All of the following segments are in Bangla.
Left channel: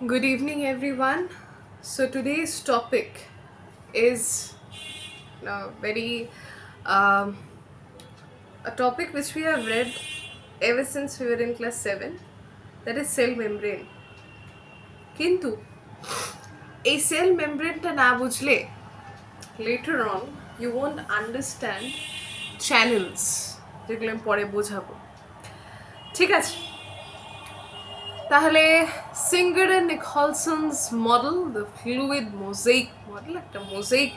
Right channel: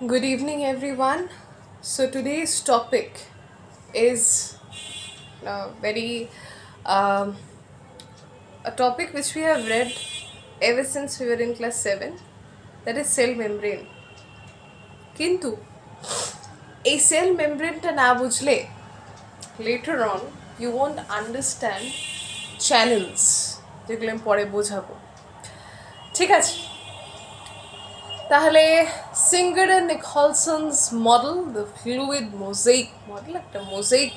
Good evening, everyone. So today's topic is very um, a topic which we have read ever since we were in class 7, that is cell membrane. কিন্তু এই সেল মেমব্রেনটা না বুঝলে later on you won't understand channels, যেগুলো আমি পরে বোঝাবো। ঠিক আছে, তাহলে Singer and Nicolson's model, the fluid mosaic model, একটা মোজাইক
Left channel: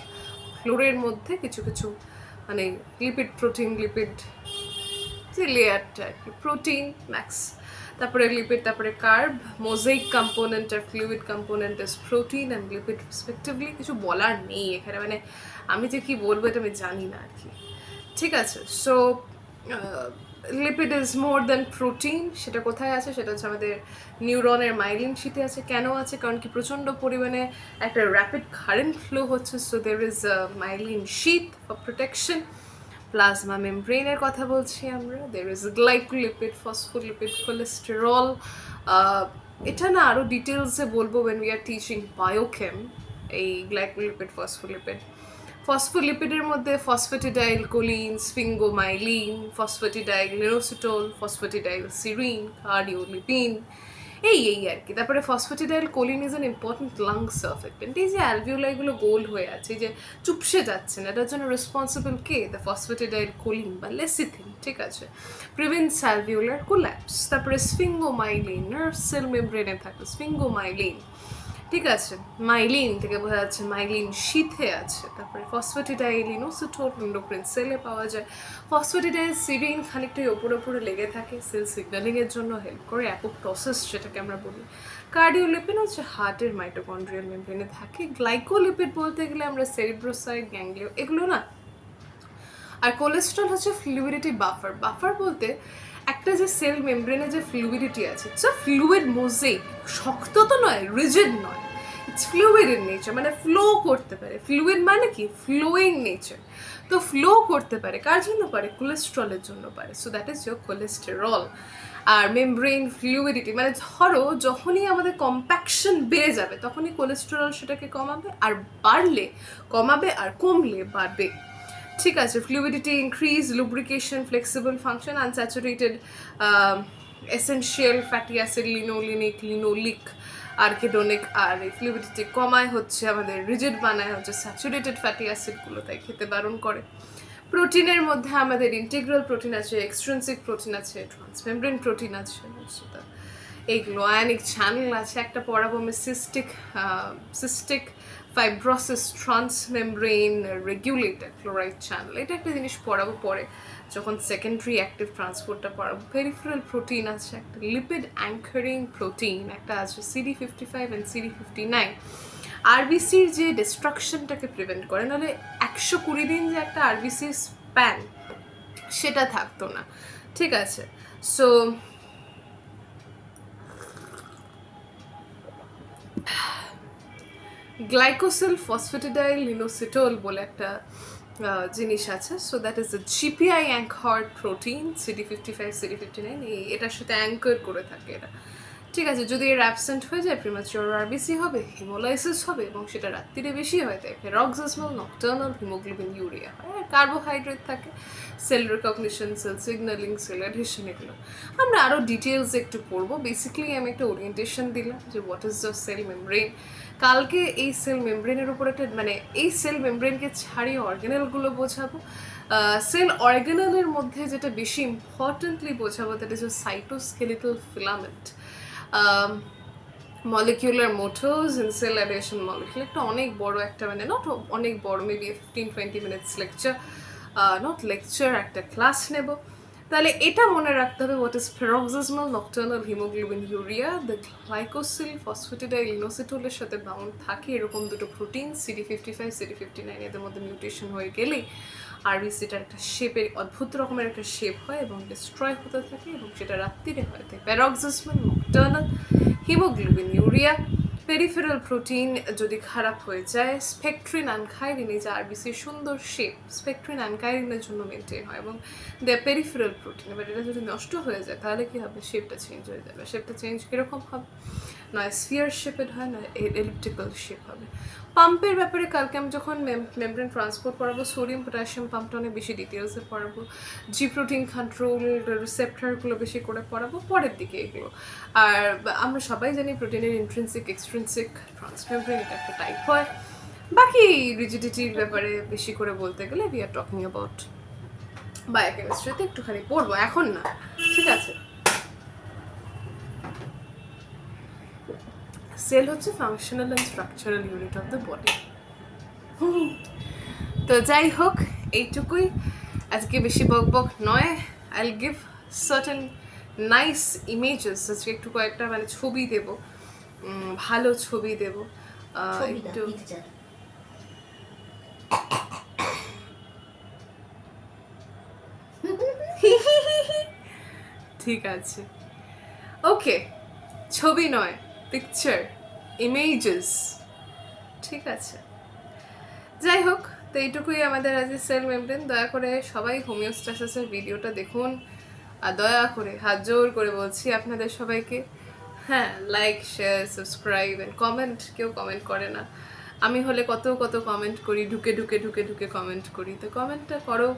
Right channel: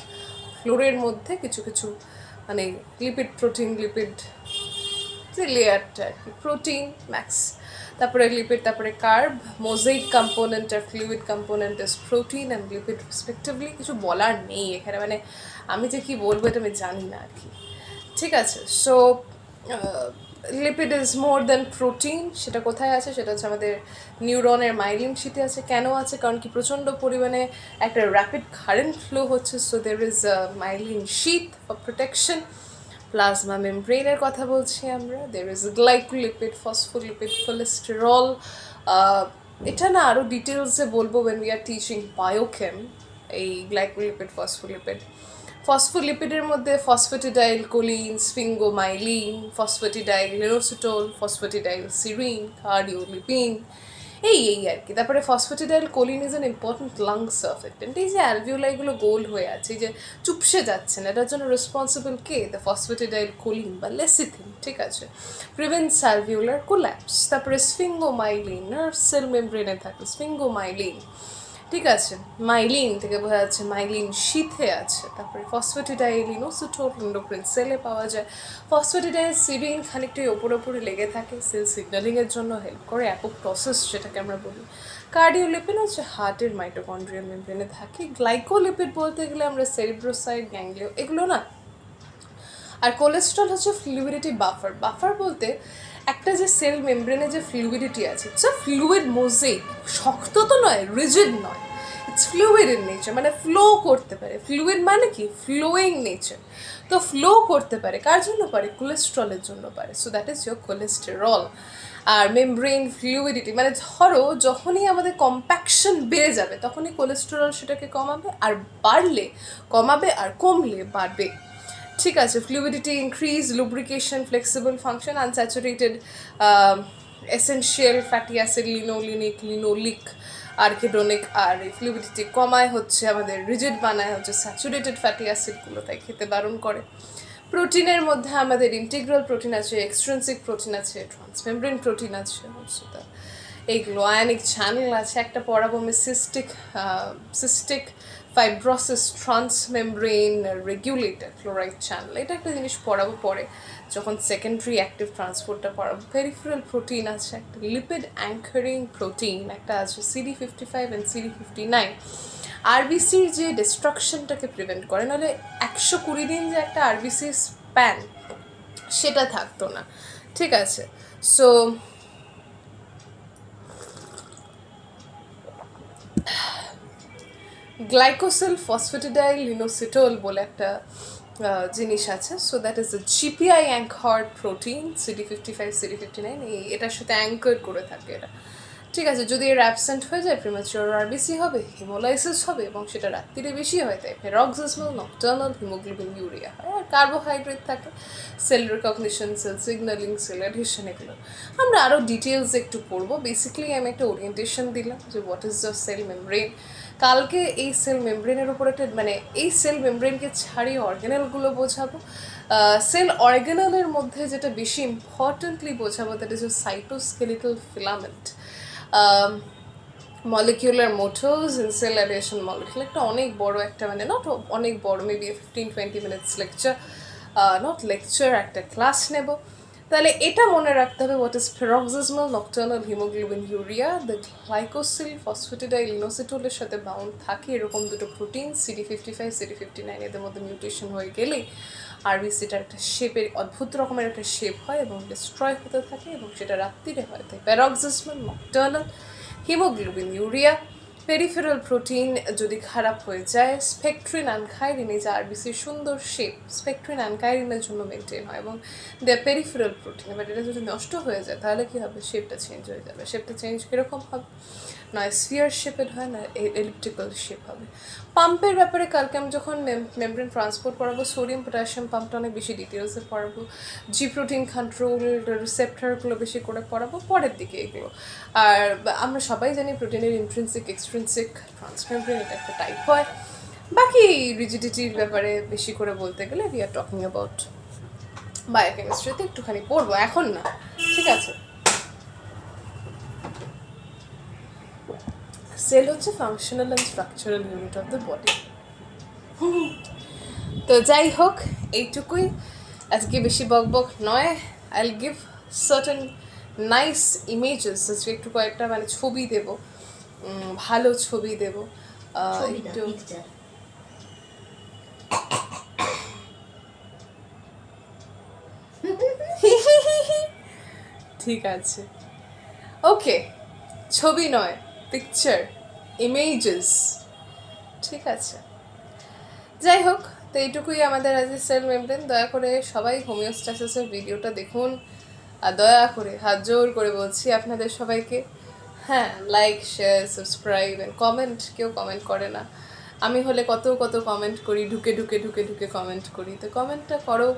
ফ্লোরের মধ্যে কিছু কিছু মানে লিপিড প্রোটিন লিপিড যে লেয়ারটা আর কি, প্রোটিন ম্যাক্স, তারপরে লিপিড, তারপরে কার্ব, মোজাইক কম্পোনেন্ট আর fluid component is protein and lipid respectively. কিছু বলার নেই এখানে, মানে আমি যে কি বলবো এটা আমি জানি না আর কি। ঠিক আছে, so lipid is more than protein. সেটা কোথায় আছে? সেটা হচ্ছে আমাদের নিউরনের মাইলিন শীতে আছে। কেন আছে? কারণ কি প্রচণ্ড পরিমাণে একটা র্যাপিড কারেন্ট ফ্লো হচ্ছে, so there is myelin sheath for protection. Plasma মেমব্রেনের কথা বলছি আমরা। There is glycolipid, phospholipid, cholesterol. এটা না আরও ডিটেলসে বলবো when we are teaching biochem, এই গ্লাইকোলিপিড ফসফোলিপিড। ফসফোলিপিডের মধ্যে phosphatidyl choline, sphingomyelin, phosphatidyl inositol, phosphatidyl serine, cardiolipin, এই আর কি। তারপরে phosphatidyl choline is an important lung surfactant. এই যে অ্যালভিওলাইগুলো গোল হয়ে আছে, এই যে চুপসে যাচ্ছে না, এটার জন্য রেসপন্সিবল কে? দ্য ফসফেটিডাইল কোলিন বা লেসিথিন। ঠিক আছে, প্রিভেন্টস অ্যালভিওলার কোল্যাপস। তারপরে স্ফিঙ্গোমাইলিন, নার্ভ সেল মেমব্রেনে থাকে স্ফিঙ্গোমাইলিন। ঠিক আছে, মাইলিন থেকে বোঝা যাচ্ছে মাইলিন শীথে আছে। তারপরে ফসফেটিডাইল ইনোসিটোল এন্ডোক্রিন সেলে পাওয়া যায়। ফসফেটিডাইল সিরিন খানিকটা ওপরে লেগে থাকে, সেল সিগন্যালিংয়ের জন্য হেল্প করে, অ্যাপোপ্টোসিস যেটাকে আমরা বলি। কার্ডিওলিপিড হচ্ছে হার্টের মাইটোকন্ড্রিয়াল মেমব্রেনে থাকে। গ্লাইকোলিপিড বলতে গেলে আমরা সেরিব্রোসাইড, গ্যাংলিও, এগুলো না। আর কোলেস্ট্রল হচ্ছে ফ্লুইডিটি বাফার। বাফার বলতে একটা যে সেল মেমব্রেনে যে ফ্লুইডিটি আছে, ইটস আ ফ্লুইড মোজাইক। শক্ত তো নয়, রিজিড নয়, ইটস ফ্লুইড ইন নেচার, মানে ফ্লো করতে পারে। ফ্লুইড মানে কি? Flowing nature. তো ফ্লো করতে পারে, কার জন্য পারে? কোলেস্ট্রলের জন্য পারে। So that is your cholesterol. আর মেমব্রেন ফ্লুইডিটি মানে ধরো যখনই আমাদের কম্প্যাকশন বেড়ে যাবে তখনই কোলেস্টেরল সেটাকে কমাবে, আর বাড়লে কমাবে, আর কমলে বাড়বে। ঠিক আছে, fluidity increase, lubrication, flexible function, unsaturated essential fatty acid, linolenic, linoleic, arachidonic. আর এই ফ্লুইডিটি কমায় হচ্ছে আমাদের রিজিড বানায় হচ্ছে স্যাচুরেটেড ফ্যাটি অ্যাসিডগুলো, তাই খেতে বারণ করে। প্রোটিনের মধ্যে আমাদের ইন্টিগ্রাল প্রোটিন আছে, এক্সট্রিনসিক প্রোটিন আছে, ট্রান্সমেমব্রেন প্রোটিন আছে, এইগুলো। আয়নিক চ্যানেল আছে, একটা পড়াবো আমি cystic fibrosis transmembrane regulator chloride channel, এটা একটা জিনিস পড়াবো পরে যখন সেকেন্ডারি অ্যাক্টিভ ট্রান্সপোর্টটা পড়াবো। পেরিফেরাল প্রোটিন আছে, একটা লিপিড অ্যাঙ্কারিং প্রোটিন একটা আছে, CD55 অ্যান্ড CD59। আরবিসির যে ডিস্ট্রাকশনটাকে প্রিভেন্ট করে, নাহলে 120 দিন যে একটা আরবিসির স্প্যান সেটা থাকতো না। ঠিক আছে, সো গ্লাইকোসিল ফসফেটিডাইল লিনোসিটোল বলে একটা জিনিস আছে। So that is the GPI অ্যাঙ্কার্ড protein, CD55 CD59 এটার সাথে অ্যাঙ্কার করে থাকে এরা। ঠিক আছে, যদি এর অ্যাবসেন্ট হয়ে যায় প্রিম্যাচিওর আরবিসি হবে, হিমোলাইসিস হবে, এবং সেটা রাত্রিরে বেশি হয়, তাই প্যারক্সিসমাল নকটার্নাল হিমোগ্লোবিন ইউরিয়া হয়। আর কার্বোহাইড্রেট থাকে, cell recognition, cell signalling, cell adhesion, এগুলো আমরা আরও ডিটেলস একটু পড়বো। বেসিক্যালি আমি একটা ওরিয়েন্টেশন দিলাম যে what is the cell membrane. কালকে এই সেল মেমব্রেনের উপর একটা মানে এই সেল মেমব্রেনকে ছাড়িয়ে অর্গানেলগুলো বোঝাবো। সেল অর্গানেলের মধ্যে যেটা বেশি ইম্পর্টেন্টলি বোঝাবো that is cytoskeletal filament, molecular motors in cell adhesion molecule. একটা অনেক বড় একটা মানে নট অনেক বড়, maybe 15-20 minutes lecture, not lecture, একটা ক্লাস নেব। তাহলে এটা মনে রাখতে হবে, what is paroxysmal nocturnal haemoglobinuria. The glycosyl phosphatidyl ইনোসিটোলের সাথে বাউন্ড থাকে এরকম দুটো প্রোটিন, CD55 CD59, এদের মধ্যে মিউটেশন হয়ে গেলেই আরবিসিটার একটা শেপের অদ্ভুত রকমের একটা শেপ হয় এবং ডিস্ট্রয় হতে থাকে, এবং সেটা রাত্রিরে হয়। তাই paroxysmal nocturnal haemoglobinuria peripheral protein যদি খারাপ হয়ে যায়, স্পেকট্রিন অ্যানকাইরিন, এই যে আরবিসির সুন্দর শেপ, স্পেকট্রিন অ্যানকাইরিনের জন্য মেনটেন হয় এবং দে পেরিফেরাল প্রোটিন। এবার এটা যদি নষ্ট হয়ে যায় তাহলে কী হবে, শেপটা চেঞ্জ হয়ে যাবে। শেপটা চেঞ্জ কীরকম হবে, নয় স্ফিয়ার শেপেড হয়, না এলিপ্টিক্যাল শেপ হবে। পাম্পের ব্যাপারে কালকে আমি যখন মেমব্রেন ট্রান্সপোর্ট পড়াবো, সোডিয়াম পটাশিয়াম পাম্পটা অনেক বেশি ডিটেলসে পড়াবো, জি প্রোটিন কন্ট্রোল রিসেপ্টারগুলো বেশি করে পড়াবো পরের দিকে এগুলো। আর আমরা সবাই জানি প্রোটিনের ইন্ট্রিনসিক এক্সট্রিনসিক ট্রান্সমেমব্রেন, এটা একটা টাইপ হয়। বাকি রিজিডিটির ব্যাপারে বেশি করে বলতে গেলে উই আর টকিং অ্যাবাউট বায়োকেমিস্ট্রিতে একটুখানি পড়বো, এখন না, ঠিক আছে। সেল হচ্ছে functional and structural unit of the body. তো যাই হোক, এইটুকুই, আজকে বেশি বকবক নয়। I will give certain nice images, আজকে একটু কয়েকটা মানে ছবি দেব, ভালো ছবি দেব একটু। ঠিক আছে, ওকে, ছবি নয়, পিকচার, ইমেজেস, ঠিক আছে। যাই হোক, তো এইটুকুই আমাদের আজকে সেল মেমব্রেন। দয়া করে সবাই হোমিওস্ট্যাসিসের ভিডিওটা দেখুন, আর দয়া করে হাত জোর করে বলছি আপনাদের সবাইকে, হ্যাঁ, like share subscribe and comment. কেউ কমেন্ট করে না, আমি হলে কত কত কমেন্ট করি, ঢুকে ঢুকে ঢুকে ঢুকে কমেন্ট করি, তো কমেন্টটা করো।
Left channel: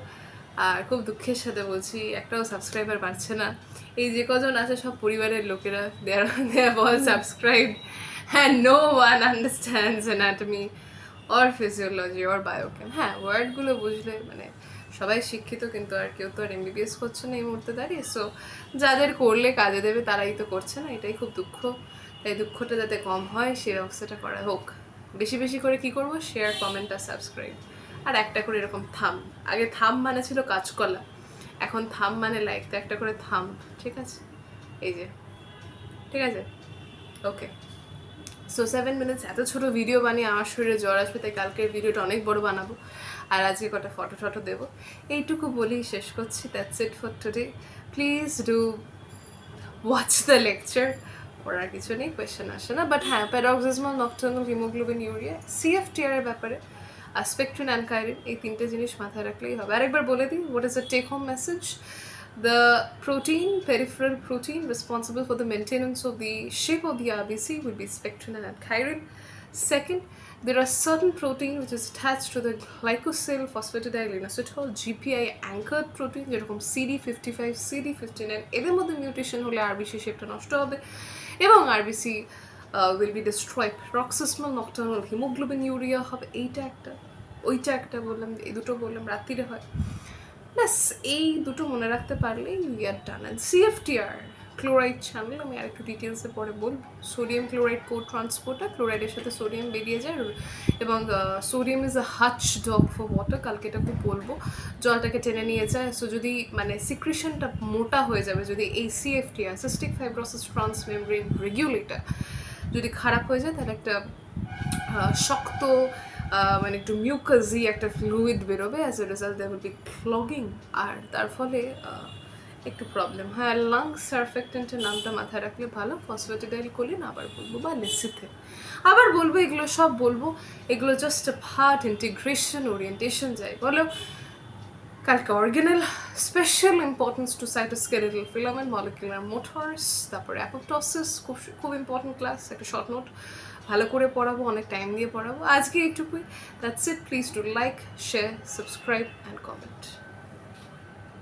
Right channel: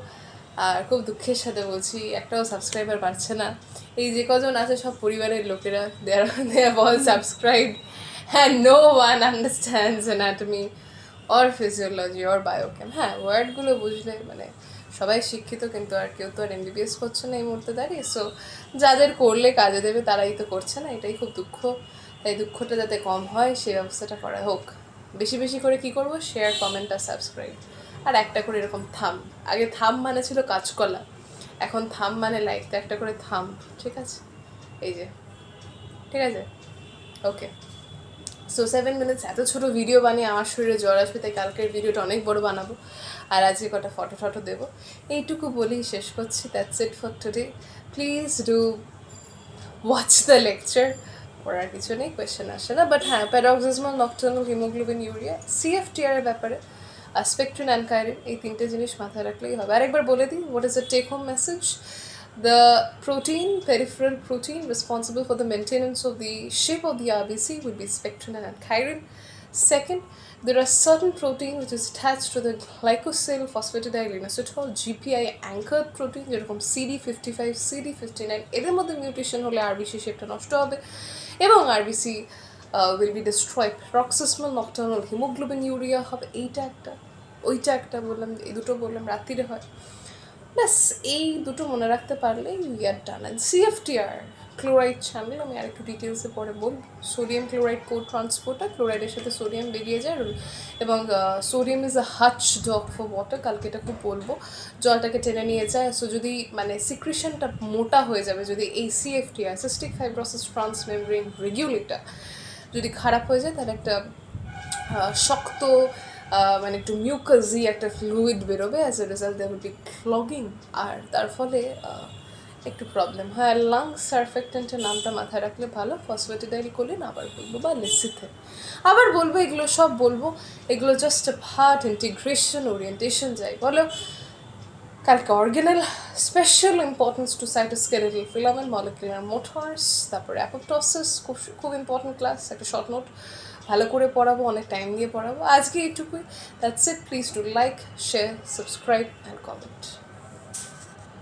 আর খুব দুঃখের সাথে বলছি, একটাও সাবস্ক্রাইবার বাড়ছে না। এই যে কজন আছে সব পরিবারের লোকেরা, দে আর অল সাবস্ক্রাইব, হ্যাঁ, no one understands anatomy or physiology or biochem. হ্যাঁ, ওয়ার্ডগুলো বুঝলে মানে সবাই শিক্ষিত, কিন্তু আর কেউ তো আর MBBS করছে না এই মুহূর্তে দাঁড়িয়ে। সো যাদের করলে কাজে দেবে তারাই তো করছে না, এটাই খুব দুঃখ। তাই দুঃখটা যাতে কম হয় সেই ব্যবস্থাটা করা হোক। বেশি বেশি করে কি করব, শেয়ার, কমেন্ট আর সাবস্ক্রাইব, আর একটা করে এরকম থাম। আগে থাম মানে ছিল কাঁচকলা, এখন থাম মানে লাইক, তো একটা করে থাম, ঠিক আছে, এই যে, ঠিক আছে, ওকে। সো 7 মিনিটস এত ছোটো ভিডিও বানিয়ে আমার শরীরে জ্বর আসবে, তাই কালকের ভিডিওটা অনেক বড় বানাবো, আর আজকে কটা ফটো টটো দেবো। এইটুকু বলেই শেষ করছি। That's it for today. Please do watch the lecture. পড়ার কিছু নেই, কোয়েশ্চেন আসে না, বাট হ্যাঁ, প্যারক্সিসমাল নকটার্নাল হিমোগ্লোবিন ইউরিয়া, CFTR এর ব্যাপারে, স্পেকট্রিন অ্যানকাইরিন, এই তিনটে জিনিস মাথায় রাখলেই হবে। আরেকবার বলে দিই, what is the take home message? The protein, peripheral protein responsible for the maintenance of the shape of the RBC will be spectrin and chirin. Second, there are certain protein which is attached to the glycosyl phosphatidylinositol, GPI anchored protein, যেরকম CD55, CD59, এদের মধ্যে মিউটেশন হলে RBC শেপটা নষ্ট হবে এবং RBC will be destroyed. Paroxysmal nocturnal hemoglobin urea হবে, এইটা একটা, ওইটা একটা বললাম, এই দুটো বললাম, রাত্রিরে হয়। ব্যাস এই দুটো মনে রাখতে পারলেই we are done. And CFTR chloride channel আমি আরেকটু ডিটেলসে পরে বলব। সোডিয়াম ক্লোরাইড কো ট্রান্সপোর্টার, ক্লোরাইডের সাথে সোডিয়াম বেরিয়ে যায়, এবং sodium is a hatch dog for water, কালকে এটা খুব বলবো, জলটাকে টেনে নিয়ে যায়। সো যদি মানে সিক্রিশনটা মোটা হয়ে যাবে, যদি এই CFTR cystic fibrosis transmembrane regulator যদি খারাপ হয়ে যায়, তাহলে একটা শক্ত মানে একটু মিউকাসি একটা ফ্লুইড বেরোবে, as a result there will be clogging, আর তার ফলে একটু প্রবলেম হয়। আর লাংস সারফেক্টেন্টের নামটা মাথায় রাখলে ভালো, ফসফেটিডাইল কোলিন আবার বলবো, বা লেসিথে আবার বলবো, এগুলো সব বলবো, এগুলো জাস্ট পার্ট, ইন্টিগ্রেশন, ওরিয়েন্টেশন যাই বলো। কালকে organelle, special importance to cytoskeletal filament, molecular motors, তারপরে অ্যাপোপ্টোসিস, খুব খুব ইম্পর্টেন্ট ক্লাস, একটা শর্ট নোট ভালো করে পড়াবো, অনেক টাইম দিয়ে পড়াবো। আজকে এইটুকুই, that's it. Please do like, share, subscribe and comment.